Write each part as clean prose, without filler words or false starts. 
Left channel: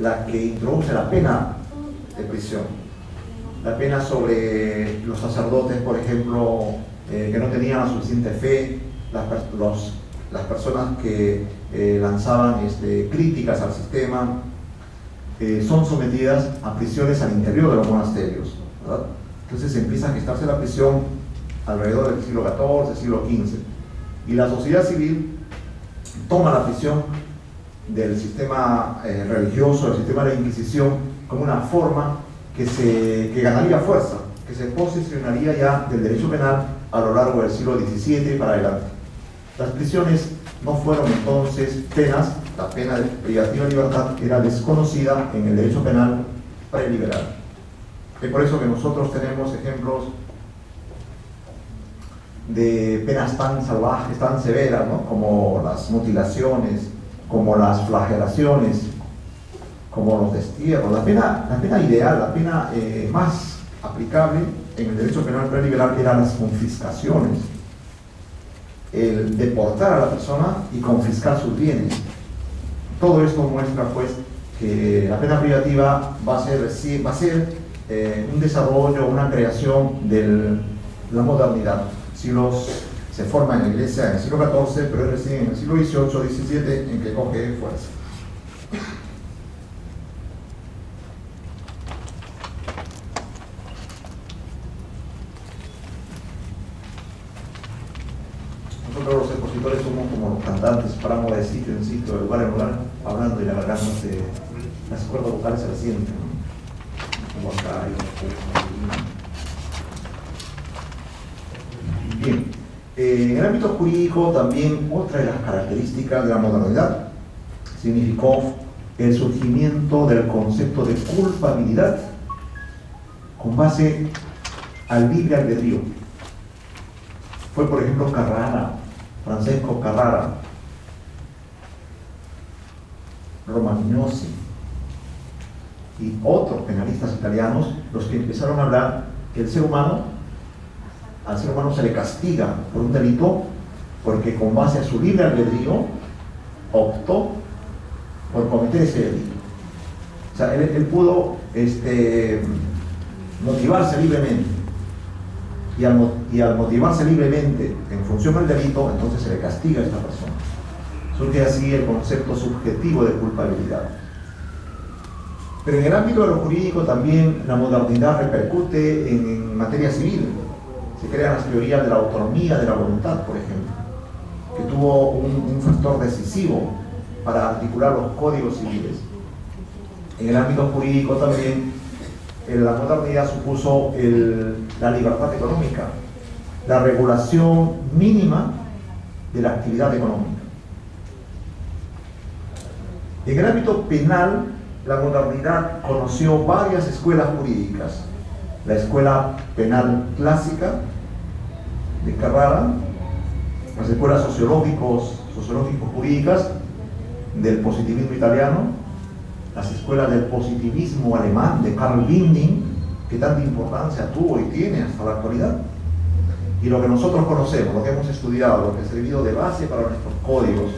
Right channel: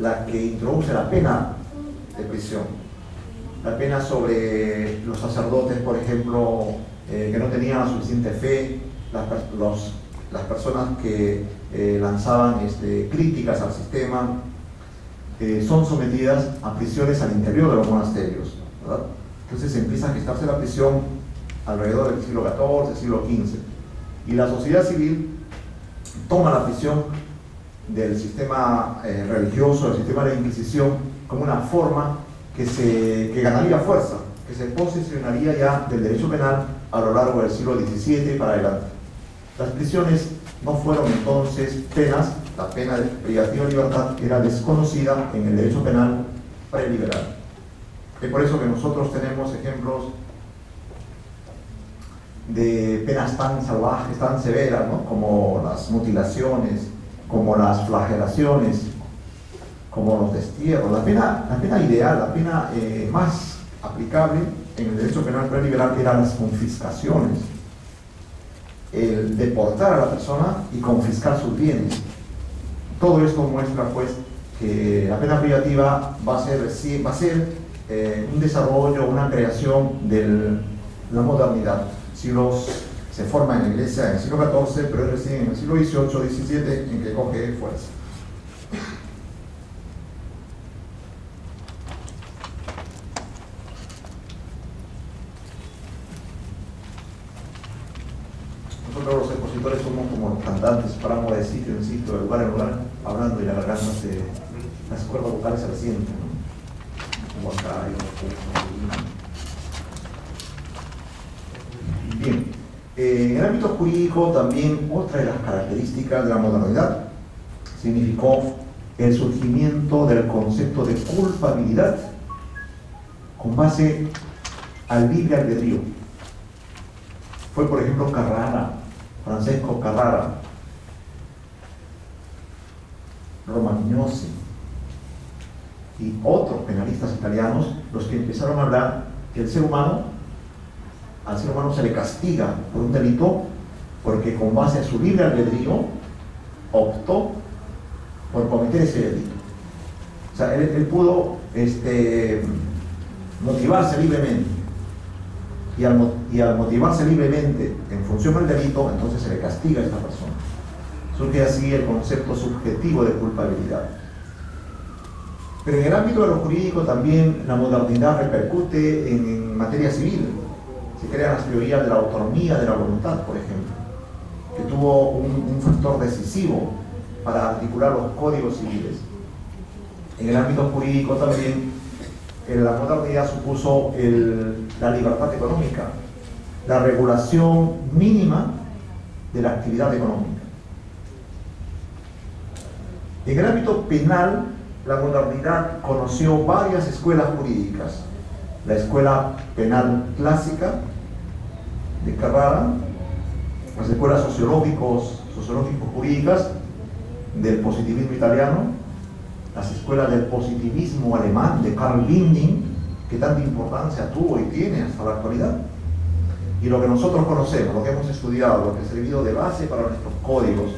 la que introduce la pena de prisión. La pena sobre los sacerdotes, por ejemplo, que no tenían la suficiente fe, las personas que lanzaban críticas al sistema, son sometidas a prisiones al interior de los monasterios, ¿verdad? Entonces empieza a gestarse la prisión alrededor del siglo XIV, siglo XV, y la sociedad civil toma la prisión del sistema religioso, del sistema de la Inquisición, como una forma que ganaría fuerza, que se posicionaría ya del derecho penal a lo largo del siglo XVII para adelante. Las prisiones no fueron entonces penas, la pena de privativa de libertad era desconocida en el derecho penal preliberal. Es por eso que nosotros tenemos ejemplos de penas tan salvajes, tan severas, ¿no? Como las mutilaciones, como las flagelaciones, como los destierros. La pena ideal, la pena más aplicable en el derecho penal preliberal eran las confiscaciones, el deportar a la persona y confiscar sus bienes. Todo esto muestra pues que la pena privativa va a ser un desarrollo, una creación de la modernidad. Se forma en la Iglesia en el siglo XIV, pero es recién en el siglo XVIII, XVII en que coge fuerza. Nosotros los expositores somos como los cantantes, paramos de sitio en sitio, de lugar en lugar, hablando y la garganta las cuerdas vocales se resienten, ¿no? Como acá y bien, en el ámbito jurídico también otra de las características de la modernidad significó el surgimiento del concepto de culpabilidad con base al libre albedrío. Fue, por ejemplo, Francesco Carrara, Romagnosi y otros penalistas italianos los que empezaron a hablar que al ser humano se le castiga por un delito porque con base a su libre albedrío optó por cometer ese delito. O sea, él pudo motivarse libremente, y al motivarse libremente en función del delito, entonces se le castiga a esta persona. Surge así el concepto subjetivo de culpabilidad. Pero en el ámbito de lo jurídico también la modernidad repercute en materia civil. Se crean las teorías de la autonomía de la voluntad, por ejemplo, que tuvo un factor decisivo para articular los códigos civiles. En el ámbito jurídico también la modernidad supuso la libertad económica, la regulación mínima de la actividad económica. En el ámbito penal, la modernidad conoció varias escuelas jurídicas. La escuela penal clásica de Carrara, las escuelas sociológico-jurídicas del positivismo italiano, las escuelas del positivismo alemán de Karl Winding, que tanta importancia tuvo y tiene hasta la actualidad, y lo que nosotros conocemos, lo que hemos estudiado, lo que ha servido de base para nuestros códigos,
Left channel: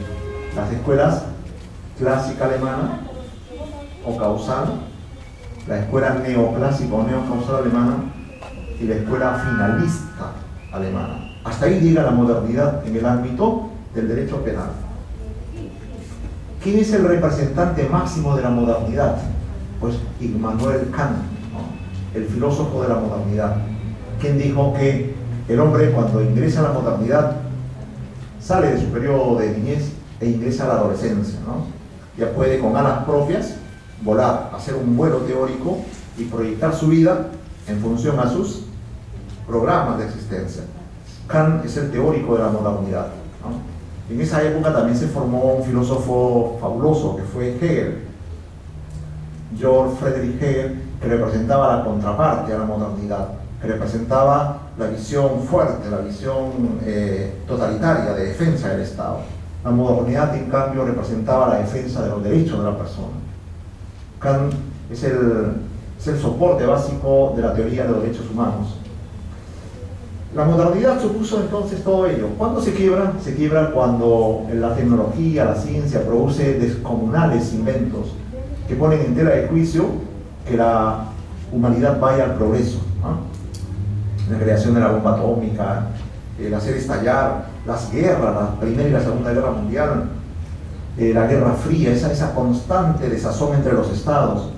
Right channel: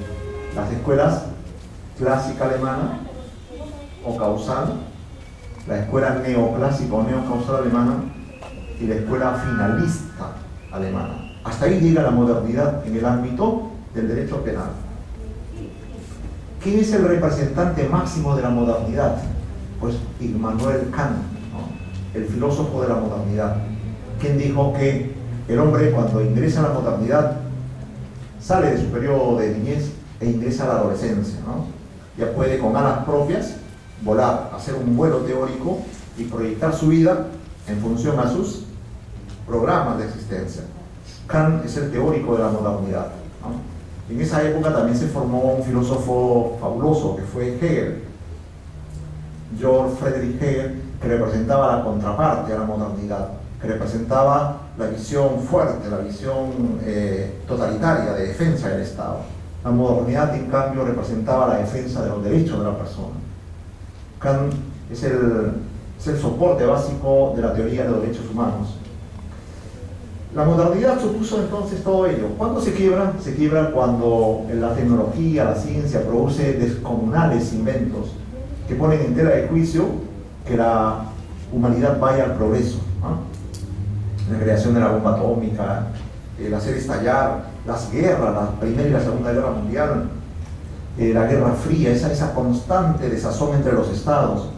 las escuelas clásica alemana o causal, la escuela neoclásica o neocausal alemana y la escuela finalista alemana. Hasta ahí llega la modernidad en el ámbito del derecho penal. ¿Quién es el representante máximo de la modernidad? Pues Immanuel Kant, ¿no? El filósofo de la modernidad, quien dijo que el hombre cuando ingresa a la modernidad sale de su periodo de niñez e ingresa a la adolescencia, ¿no? Ya puede con alas propias volar, hacer un vuelo teórico y proyectar su vida en función a sus programas de existencia. Kant es el teórico de la modernidad, ¿no? En esa época también se formó un filósofo fabuloso que fue Hegel, Georg Friedrich Hegel, que representaba la contraparte a la modernidad, que representaba la visión fuerte, la visión totalitaria de defensa del Estado. La modernidad, en cambio, representaba la defensa de los derechos de la persona. Kant es el soporte básico de la teoría de los derechos humanos. La modernidad supuso entonces todo ello. ¿Cuándo se quiebra? Se quiebra cuando la tecnología, la ciencia produce descomunales inventos que ponen en tela de juicio que la humanidad vaya al progreso, ¿no? La creación de la bomba atómica, el hacer estallar las guerras, la Primera y la Segunda Guerra Mundial, la Guerra Fría, esa constante desazón entre los estados,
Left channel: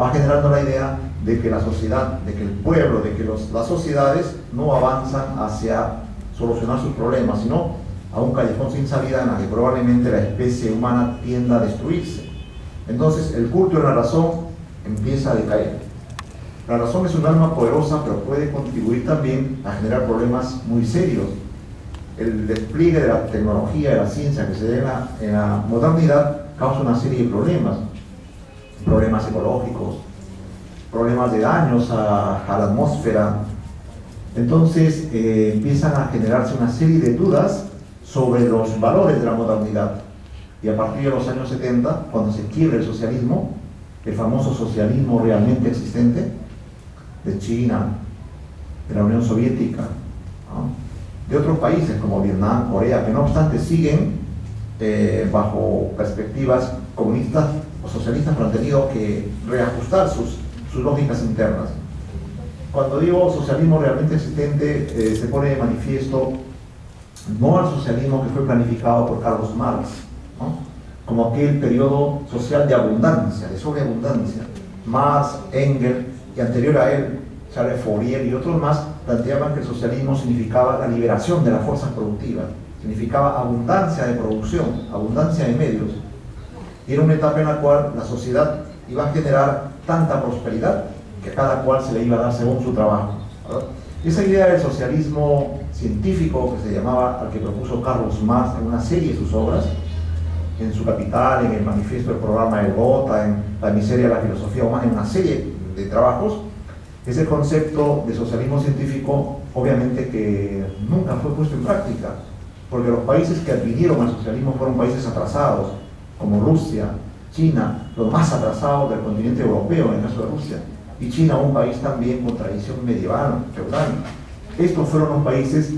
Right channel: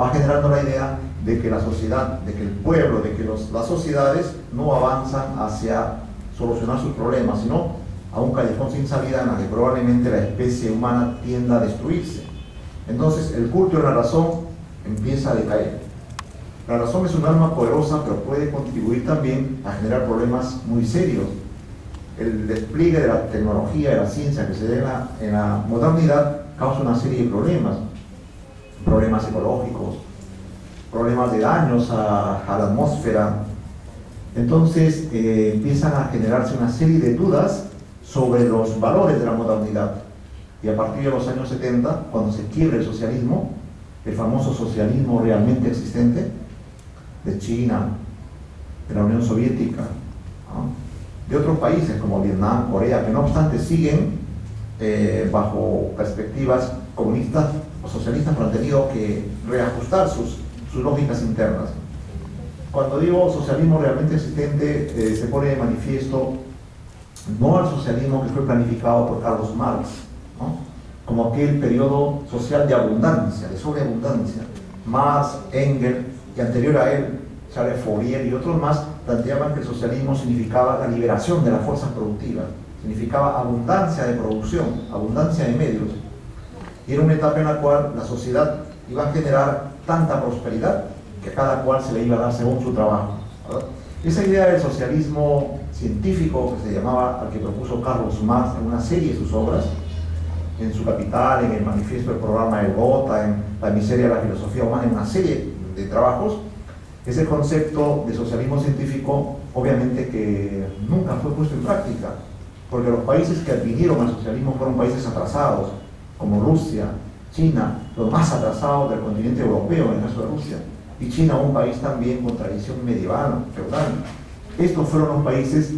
va generando la idea de que la sociedad, de que el pueblo, de que las sociedades no avanzan hacia solucionar sus problemas, sino a un callejón sin salida en la que probablemente la especie humana tienda a destruirse. Entonces el culto de la razón empieza a decaer. La razón es un arma poderosa, pero puede contribuir también a generar problemas muy serios. El despliegue de la tecnología, de la ciencia que se da en la modernidad causa una serie de problemas. Problemas ecológicos, problemas de daños a la atmósfera. Entonces empiezan a generarse una serie de dudas sobre los valores de la modernidad. Y a partir de los años 70, cuando se quiebra el socialismo, el famoso socialismo realmente existente, de China, de la Unión Soviética, ¿no? De otros países como Vietnam, Corea, que no obstante siguen bajo perspectivas comunistas o socialistas, pero han tenido que reajustar sus lógicas internas. Cuando digo socialismo realmente existente, se pone de manifiesto no al socialismo que fue planificado por Carlos Marx, ¿no? Como aquel periodo social de abundancia, de sobreabundancia. Marx, Engels y anterior a él, Charles Fourier y otros más planteaban que el socialismo significaba la liberación de las fuerzas productivas, significaba abundancia de producción, abundancia de medios. Y era una etapa en la cual la sociedad iba a generar tanta prosperidad que a cada cual se le iba a dar según su trabajo, ¿verdad? Esa idea del socialismo científico que se llamaba, al que propuso Carlos Marx en una serie de sus obras, en su Capital, en el Manifiesto del Programa de Gotha, en La miseria de la filosofía humana, en una serie de trabajos, ese concepto de socialismo científico obviamente que nunca fue puesto en práctica, porque los países que advirieron al socialismo fueron países atrasados, como Rusia, China, los más atrasados del continente europeo en el caso de Rusia, y China, un país también con tradición medieval, feudal. Estos fueron los países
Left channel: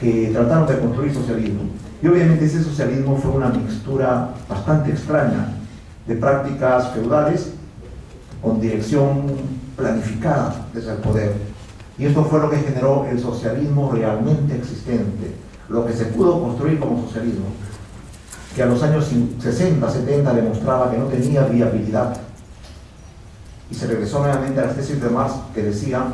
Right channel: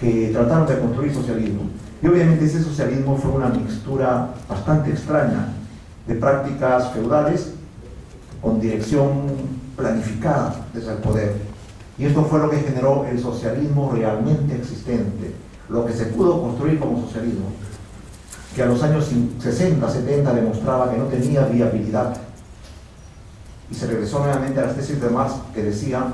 que trataron de construir socialismo. Y obviamente ese socialismo fue una mixtura bastante extraña de prácticas feudales con dirección planificada desde el poder. Y esto fue lo que generó el socialismo realmente existente, lo que se pudo construir como socialismo, que a los años 60, 70 demostraba que no tenía viabilidad. Y se regresó nuevamente a las tesis de Marx que decían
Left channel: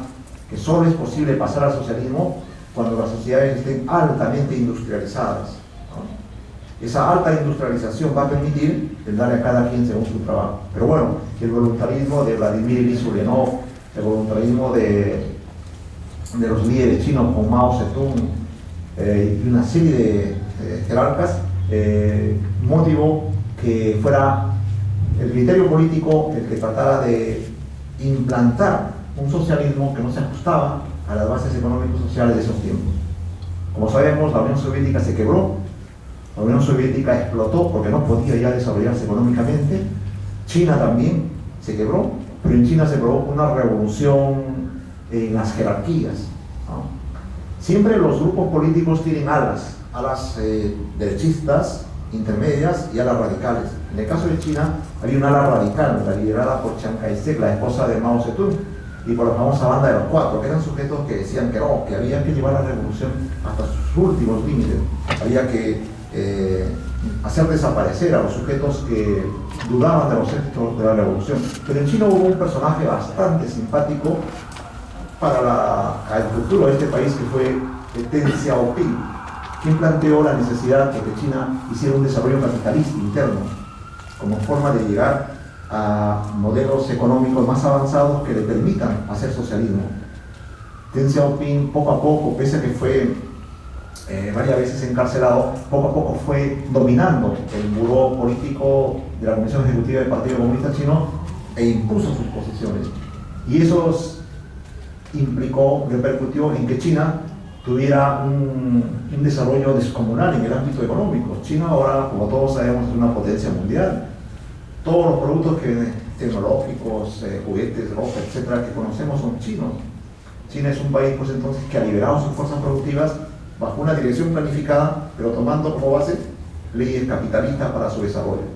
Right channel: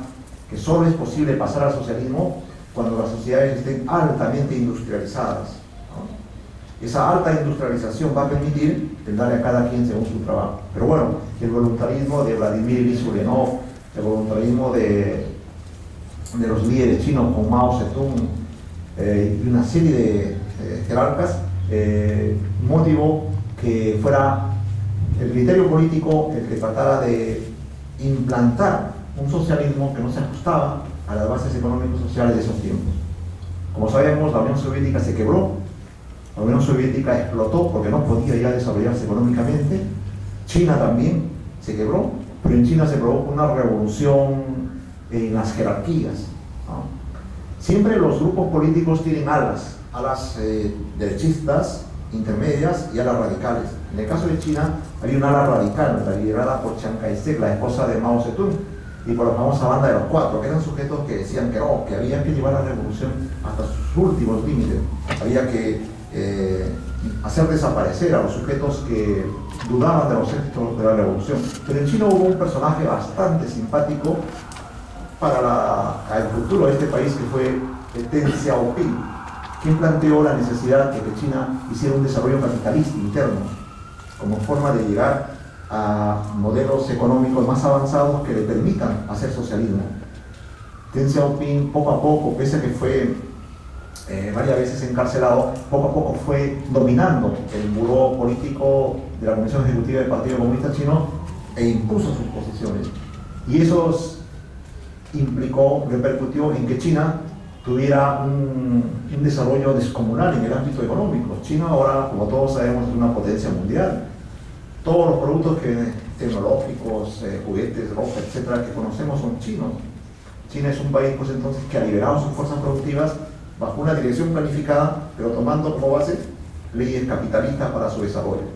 que solo es posible pasar al socialismo cuando las sociedades estén altamente industrializadas, ¿no? Esa alta industrialización va a permitir el darle a cada quien según su trabajo. Pero bueno, el voluntarismo de Vladimir Ilich Ulyanov, el voluntarismo de los líderes chinos como Mao Zedong y una serie de jerarcas motivó que fuera el criterio político el que tratara de implantar un socialismo que no se ajustaba a las bases económicos sociales de esos tiempos. Como sabemos, la Unión Soviética se quebró, la Unión Soviética explotó porque no podía ya desarrollarse económicamente, China también se quebró, pero en China se provocó una revolución en las jerarquías, ¿no? Siempre los grupos políticos tienen alas derechistas, intermedias y alas radicales. En el caso de China había un ala radical, liderada por Chiang Kai-shek, la esposa de Mao Zedong, y por la famosa banda de los cuatro, que eran sujetos que decían que no, que había que llevar la revolución hasta sus últimos límites, había que hacer desaparecer a los sujetos que dudaban de los éxitos de la revolución. Pero en China hubo un personaje bastante simpático para el futuro de este país, que fue Deng Xiaoping, quien planteó la necesidad de que China hiciera un desarrollo capitalista interno como forma de llegar a modelos económicos más avanzados que le permitan hacer socialismo. Deng Xiaoping poco a poco, pese a que fue varias veces encarcelado, poco a poco fue dominando el buró político de la Comisión Ejecutiva del Partido Comunista Chino e impuso sus posiciones. Y eso repercutió en que China tuviera un desarrollo descomunal en el ámbito económico. China ahora, como todos sabemos, es una potencia mundial. Todos los productos tecnológicos, juguetes, ropa, etcétera, que conocemos son chinos. China es un país, pues entonces, que ha liberado sus fuerzas productivas bajo una dirección planificada, pero tomando como base leyes capitalistas para su desarrollo.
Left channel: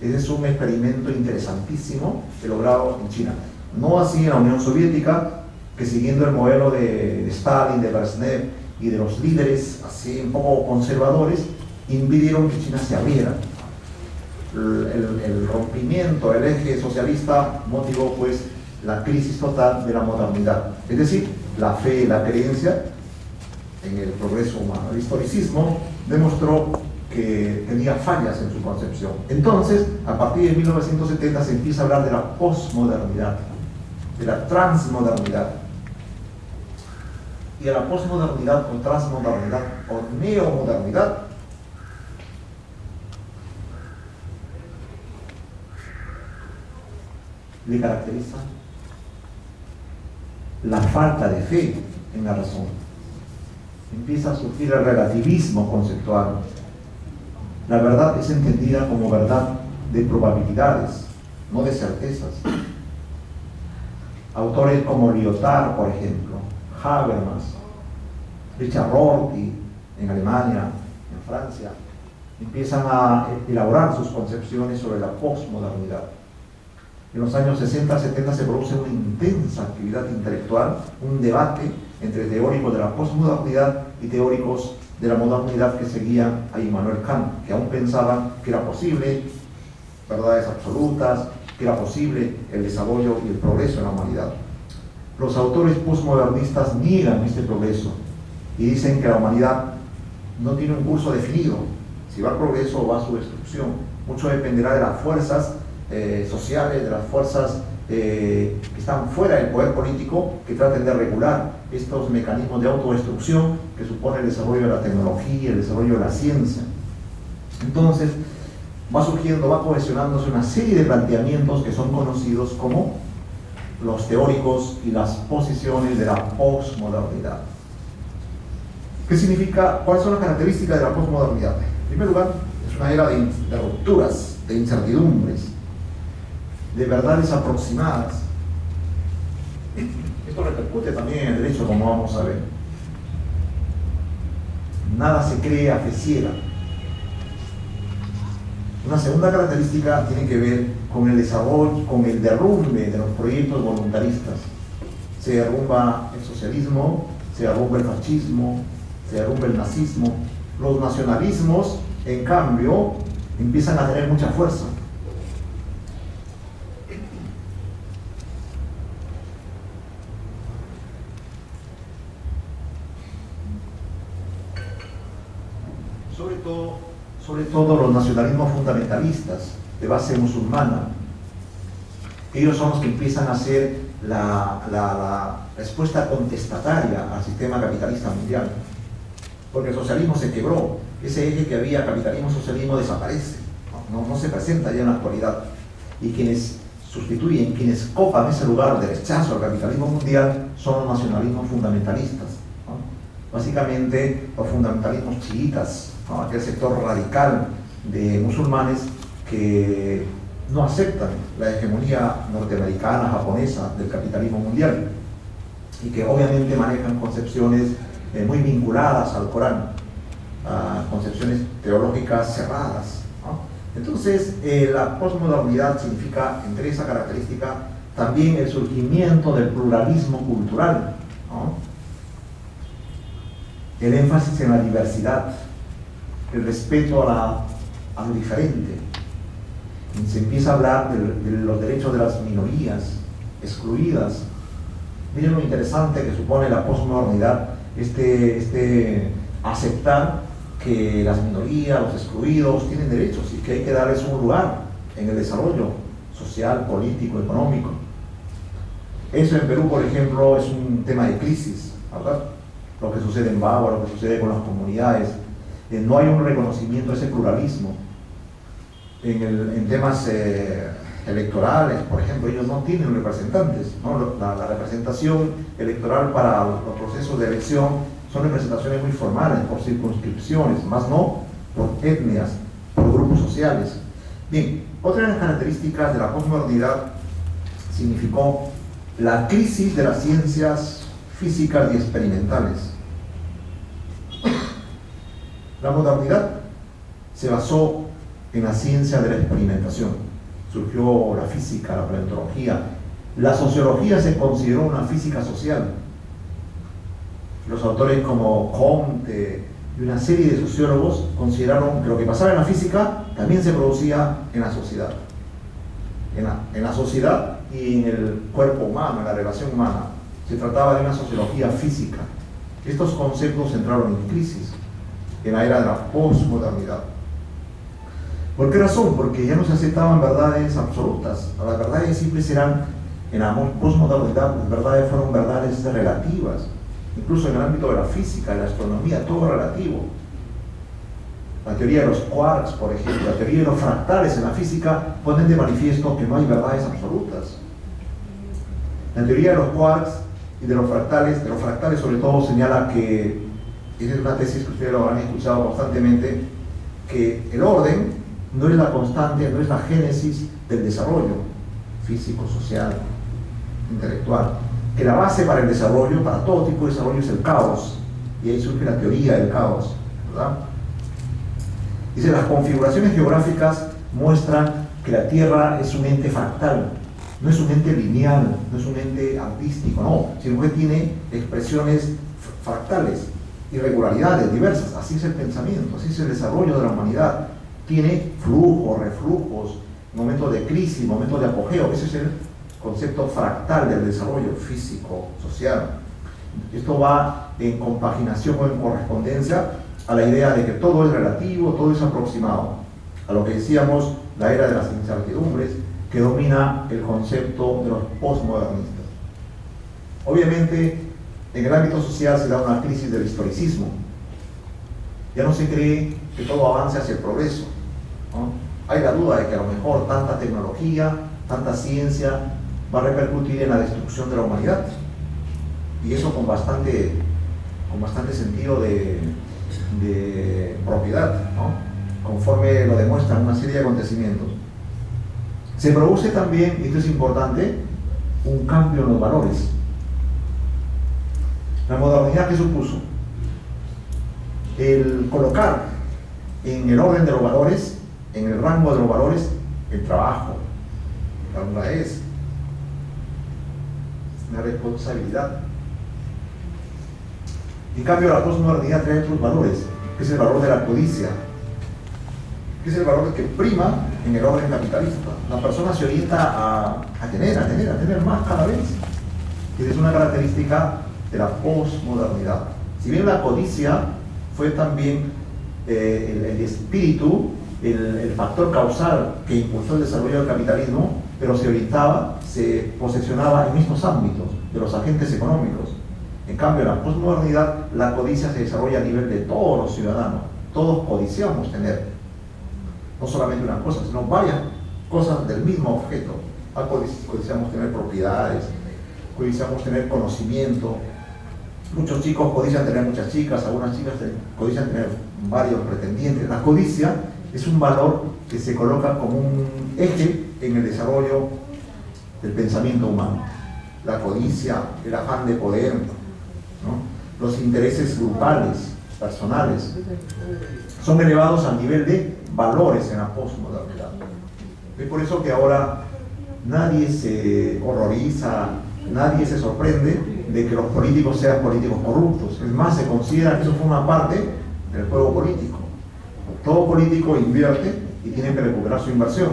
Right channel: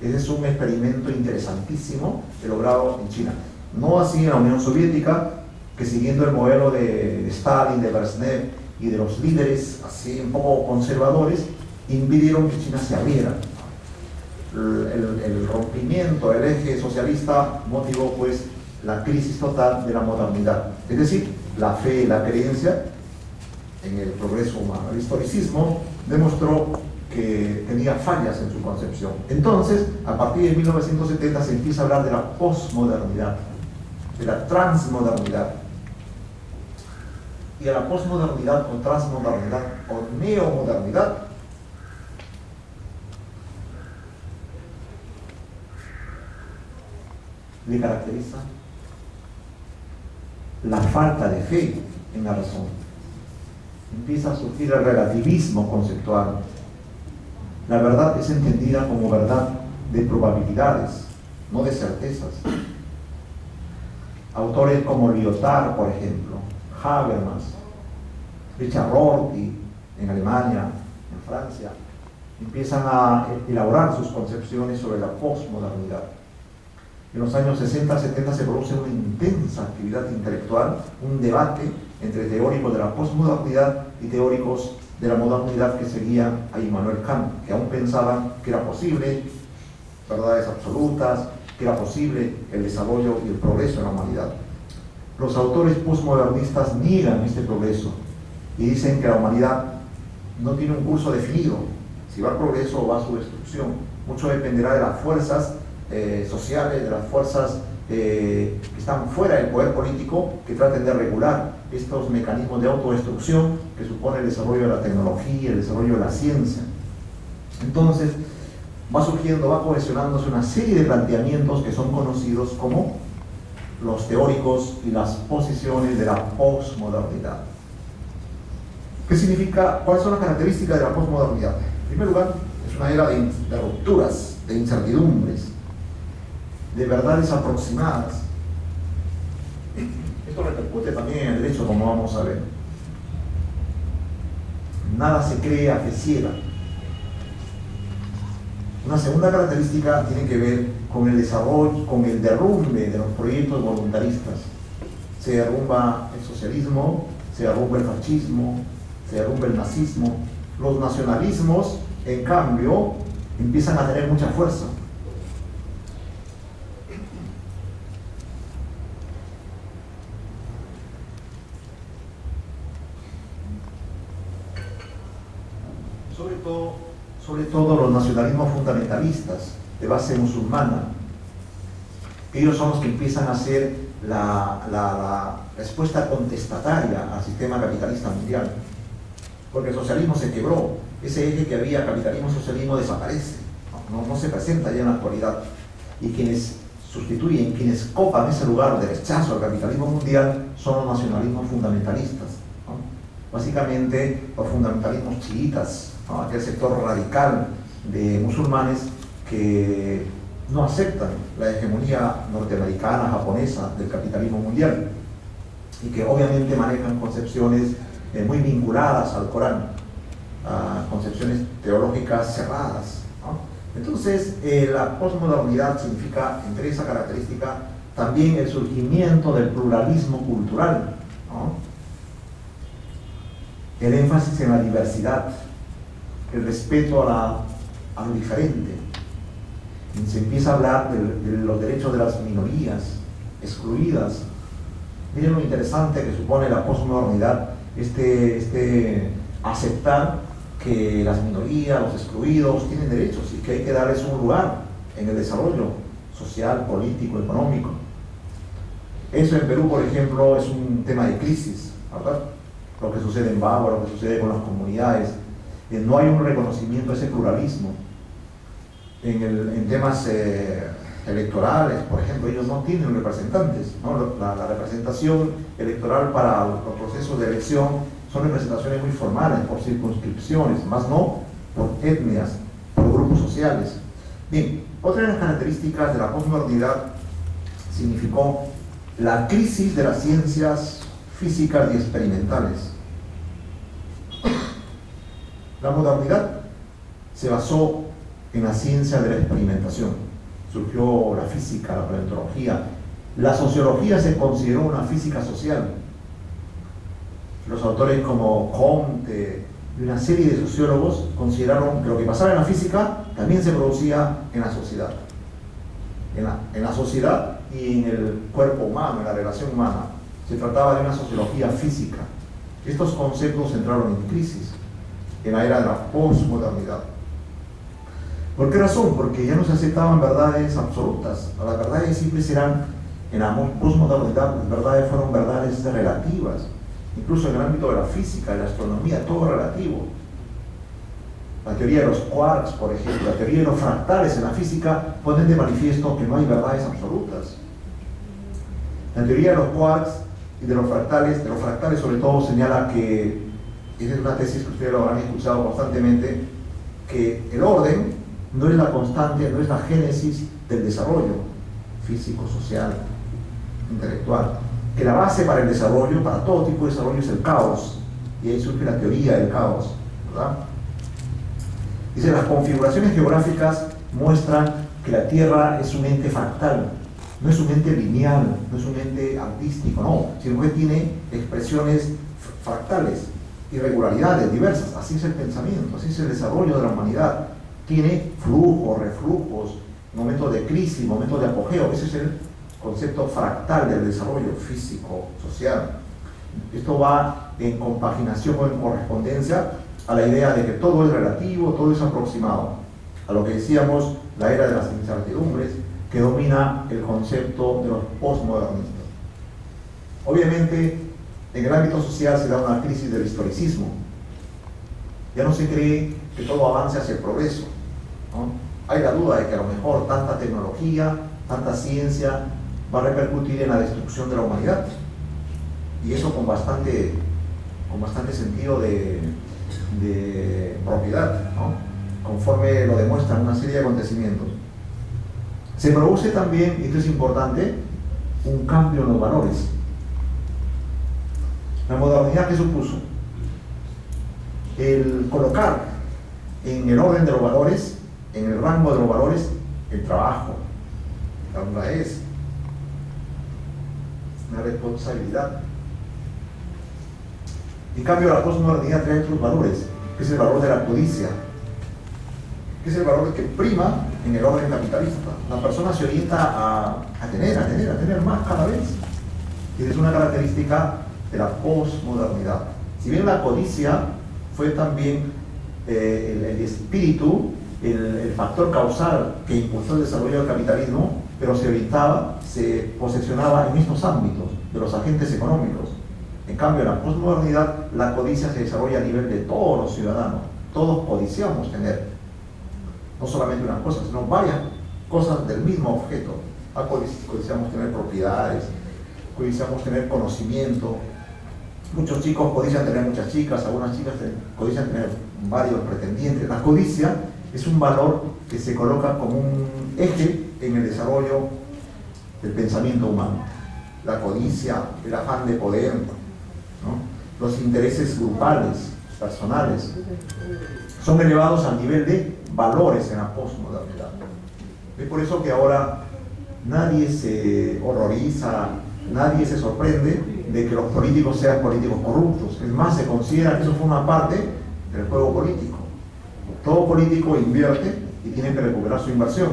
Ese es un experimento interesantísimo logrado en China. No así en la Unión Soviética, que siguiendo el modelo de Stalin, de Brezhnev y de los líderes así un poco conservadores, impidieron que China se abriera. El rompimiento del eje socialista motivó pues la crisis total de la modernidad, es decir, la fe y la creencia en el progreso humano. El historicismo demostró que tenía fallas en su concepción. Entonces, a partir de 1970 se empieza a hablar de la posmodernidad, de la transmodernidad. Y a la posmodernidad o transmodernidad o neomodernidad le caracteriza la falta de fe en la razón. Empieza a surgir el relativismo conceptual. La verdad es entendida como verdad de probabilidades, no de certezas. Autores como Lyotard, por ejemplo, Habermas, Richard Rorty en Alemania, en Francia, empiezan a elaborar sus concepciones sobre la posmodernidad. En los años 60-70 se produce una intensa actividad intelectual, un debate entre teóricos de la posmodernidad y teóricos de la modernidad que seguían a Immanuel Kant, que aún pensaban que era posible verdades absolutas, que era posible el desarrollo y el progreso de la humanidad. Los autores posmodernistas niegan este progreso y dicen que la humanidad no tiene un curso definido, si va al progreso o va a su destrucción. Mucho dependerá de las fuerzas sociales, de las fuerzas que están fuera del poder político, que traten de regular estos mecanismos de autodestrucción que supone el desarrollo de la tecnología, el desarrollo de la ciencia. Entonces, va surgiendo, va cohesionándose una serie de planteamientos que son conocidos como los teóricos y las posiciones de la posmodernidad. ¿Qué significa? ¿Cuáles son las características de la posmodernidad? En primer lugar, es una era de rupturas, de incertidumbres, de verdades aproximadas. Esto repercute también en el derecho, como vamos a ver. Nada se cree a fe ciega. Una segunda característica tiene que ver con el desarrollo, con el derrumbe de los proyectos voluntaristas. Se derrumba el socialismo, se derrumba el fascismo, se derrumba el nazismo. Los nacionalismos, en cambio, empiezan a tener mucha fuerza. Sobre todo los nacionalismos fundamentalistas de base musulmana. Ellos son los que empiezan a hacer la respuesta contestataria al sistema capitalista mundial, porque el socialismo se quebró. Ese eje que había capitalismo-socialismo desaparece, no se presenta ya en la actualidad, y quienes sustituyen, quienes copan ese lugar de rechazo al capitalismo mundial son los nacionalismos fundamentalistas, ¿no? Básicamente los fundamentalismos chiitas, ¿no? Aquel sector radical de musulmanes que no aceptan la hegemonía norteamericana, japonesa del capitalismo mundial, y que obviamente manejan concepciones muy vinculadas al Corán, concepciones teológicas cerradas, ¿no? Entonces, la posmodernidad significa, entre esa característica, también el surgimiento del pluralismo cultural, ¿no? El énfasis en la diversidad, el respeto a lo diferente. Y se empieza a hablar de los derechos de las minorías excluidas. Miren lo interesante que supone la posmodernidad, aceptar que las minorías, los excluidos, tienen derechos y que hay que darles un lugar en el desarrollo social, político, económico. Eso en Perú, por ejemplo, es un tema de crisis, ¿verdad? Lo que sucede en Bagua, lo que sucede con las comunidades. No hay un reconocimiento a ese pluralismo. En temas electorales, por ejemplo, ellos no tienen representantes, ¿no? La representación electoral para los procesos de elección son representaciones muy formales, por circunscripciones, más no por etnias, por grupos sociales. Bien, otra de las características de la posmodernidad significó la crisis de las ciencias físicas y experimentales. La modernidad se basó en la ciencia de la experimentación. Surgió la física, la paleontología. La sociología se consideró una física social. Los autores como Comte y una serie de sociólogos consideraron que lo que pasaba en la física también se producía en la sociedad. En la sociedad y en el cuerpo humano, en la relación humana. Se trataba de una sociología física. Estos conceptos entraron en crisis en la era de la posmodernidad. ¿Por qué razón? Porque ya no se aceptaban verdades absolutas. Las verdades siempre serán, en la posmodernidad, las verdades fueron verdades relativas. Incluso en el ámbito de la física, de la astronomía, todo es relativo. La teoría de los quarks, por ejemplo, la teoría de los fractales en la física ponen de manifiesto que no hay verdades absolutas. La teoría de los quarks y de los fractales sobre todo señala que, esa es una tesis que ustedes lo habrán escuchado constantemente, que el orden no es la constante, no es la génesis del desarrollo físico, social, intelectual. Que la base para el desarrollo, para todo tipo de desarrollo, es el caos. Y ahí surge la teoría del caos, ¿verdad? Dice, las configuraciones geográficas muestran que la Tierra es un ente fractal, no es un ente lineal, no es un ente artístico, no, sino que tiene expresiones fractales, irregularidades diversas. Así es el pensamiento, así es el desarrollo de la humanidad. Tiene flujos, reflujos, momentos de crisis, momentos de apogeo. Ese es el concepto fractal del desarrollo físico, social. Esto va en compaginación o en correspondencia a la idea de que todo es relativo, todo es aproximado. A lo que decíamos, la era de las incertidumbres, que domina el concepto de los postmodernistas. Obviamente, en el ámbito social se da una crisis del historicismo. Ya no se cree que todo avance hacia el progreso, ¿no? Hay la duda de que a lo mejor tanta tecnología, tanta ciencia va a repercutir en la destrucción de la humanidad. Y eso con bastante sentido de propiedad, ¿no? Conforme lo demuestran una serie de acontecimientos. Se produce también, y esto es importante, un cambio en los valores. La modernidad, ¿qué supuso? El colocar en el orden de los valores, en el rango de los valores, el trabajo. La duda es una responsabilidad. En cambio, la posmodernidad trae otros valores, que es el valor de la codicia, que es el valor que prima en el orden capitalista. La persona se orienta a tener más cada vez. Y es una característica de la posmodernidad. Si bien la codicia fue también el espíritu, el factor causal que impulsó el desarrollo del capitalismo, pero se orientaba, se posesionaba en estos ámbitos de los agentes económicos. En cambio, en la posmodernidad, la codicia se desarrolla a nivel de todos los ciudadanos. Todos codiciamos tener, no solamente una cosa, sino varias cosas del mismo objeto. Codiciamos tener propiedades, codiciamos tener conocimiento. Muchos chicos codician tener muchas chicas, algunas chicas codician tener varios pretendientes. La codicia es un valor que se coloca como un eje en el desarrollo del pensamiento humano. La codicia, el afán de poder, ¿no? Los intereses grupales, personales, son elevados al nivel de valores en la posmodernidad. Es por eso que ahora nadie se horroriza, nadie se sorprende de que los políticos sean políticos corruptos. Es más, se considera que eso forma parte del juego político. Todo político invierte y tiene que recuperar su inversión.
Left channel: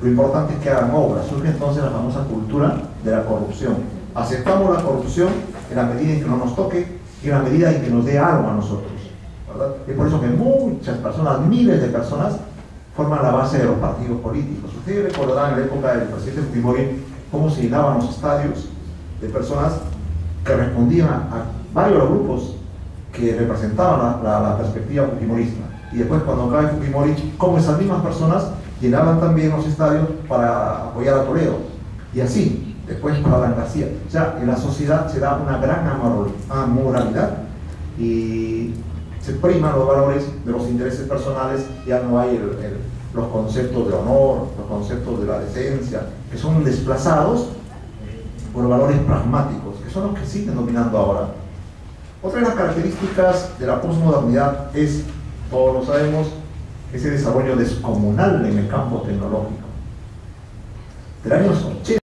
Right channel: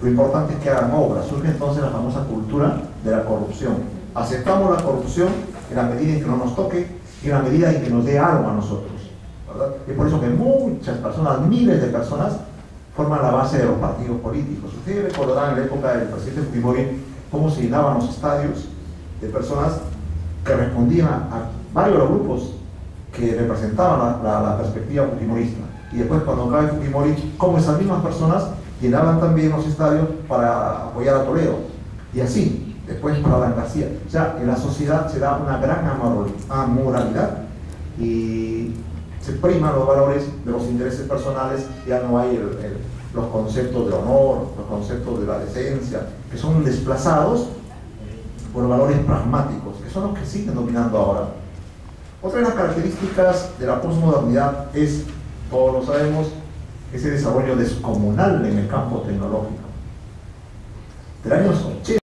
Lo importante es que hagan obras. Surge entonces la famosa cultura de la corrupción. Aceptamos la corrupción en la medida en que no nos toque y en la medida en que nos dé algo a nosotros, ¿verdad? Es por eso que muchas personas, miles de personas, forman la base de los partidos políticos. Ustedes recordarán en la época del presidente Fujimori cómo se llenaban los estadios de personas que respondían a varios de los grupos que representaban la perspectiva fujimorista. Y después, cuando cae Fujimori, como esas mismas personas llenaban también los estadios para apoyar a Toledo. Y así, después para Alan García. O sea, en la sociedad se da una gran amoralidad y se priman los valores de los intereses personales. Ya no hay los conceptos de honor, los conceptos de la decencia, que son desplazados por valores pragmáticos, que son los que siguen dominando ahora. Otra de las características de la posmodernidad es, todos lo sabemos, ese desarrollo descomunal en el campo tecnológico. Del año 80